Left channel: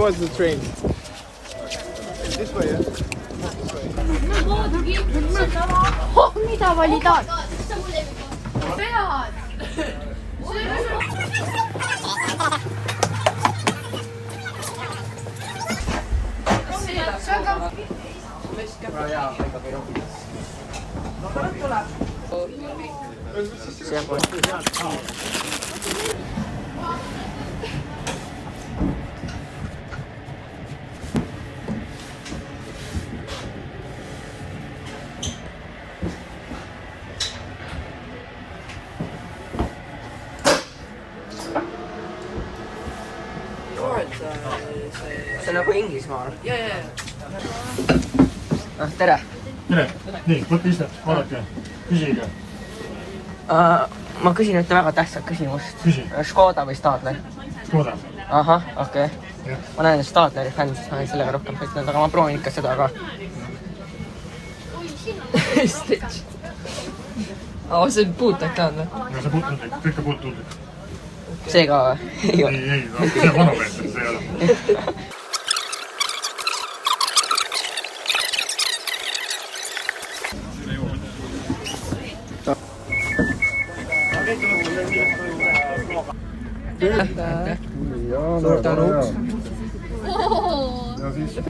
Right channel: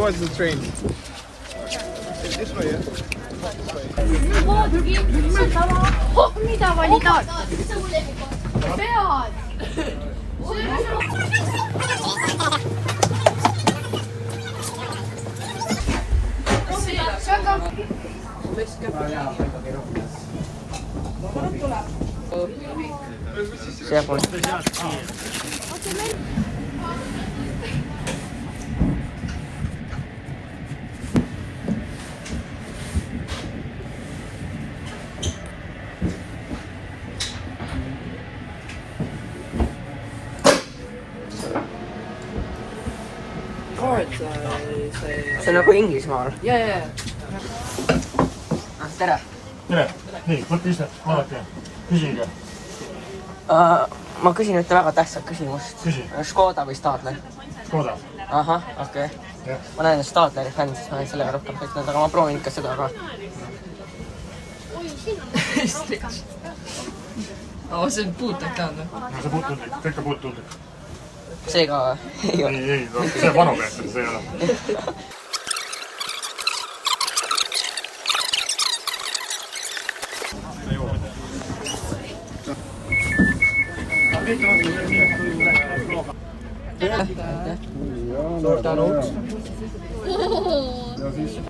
was the train. This way. mida valida? pead. see pole. see on nagu Inglismaal. Tere. Tere. Nii, võtta ise, vaadake, küsige. Ma küsin ühte väga tähtsat küsimust. Küsi. Škoda või Stadler? Škoda. Ahah, okei. Ma näen Stadleri fänn, siis ma olen sellega rohkem sõitnud, aga ma proovin ikka seda ka. Stitch. See on puuttundlik. Ja see puutundlik, kõik on puutundlik. See ka ei ole. Ei, see on vanumees, see ei ole. Suur tänu. Ja siis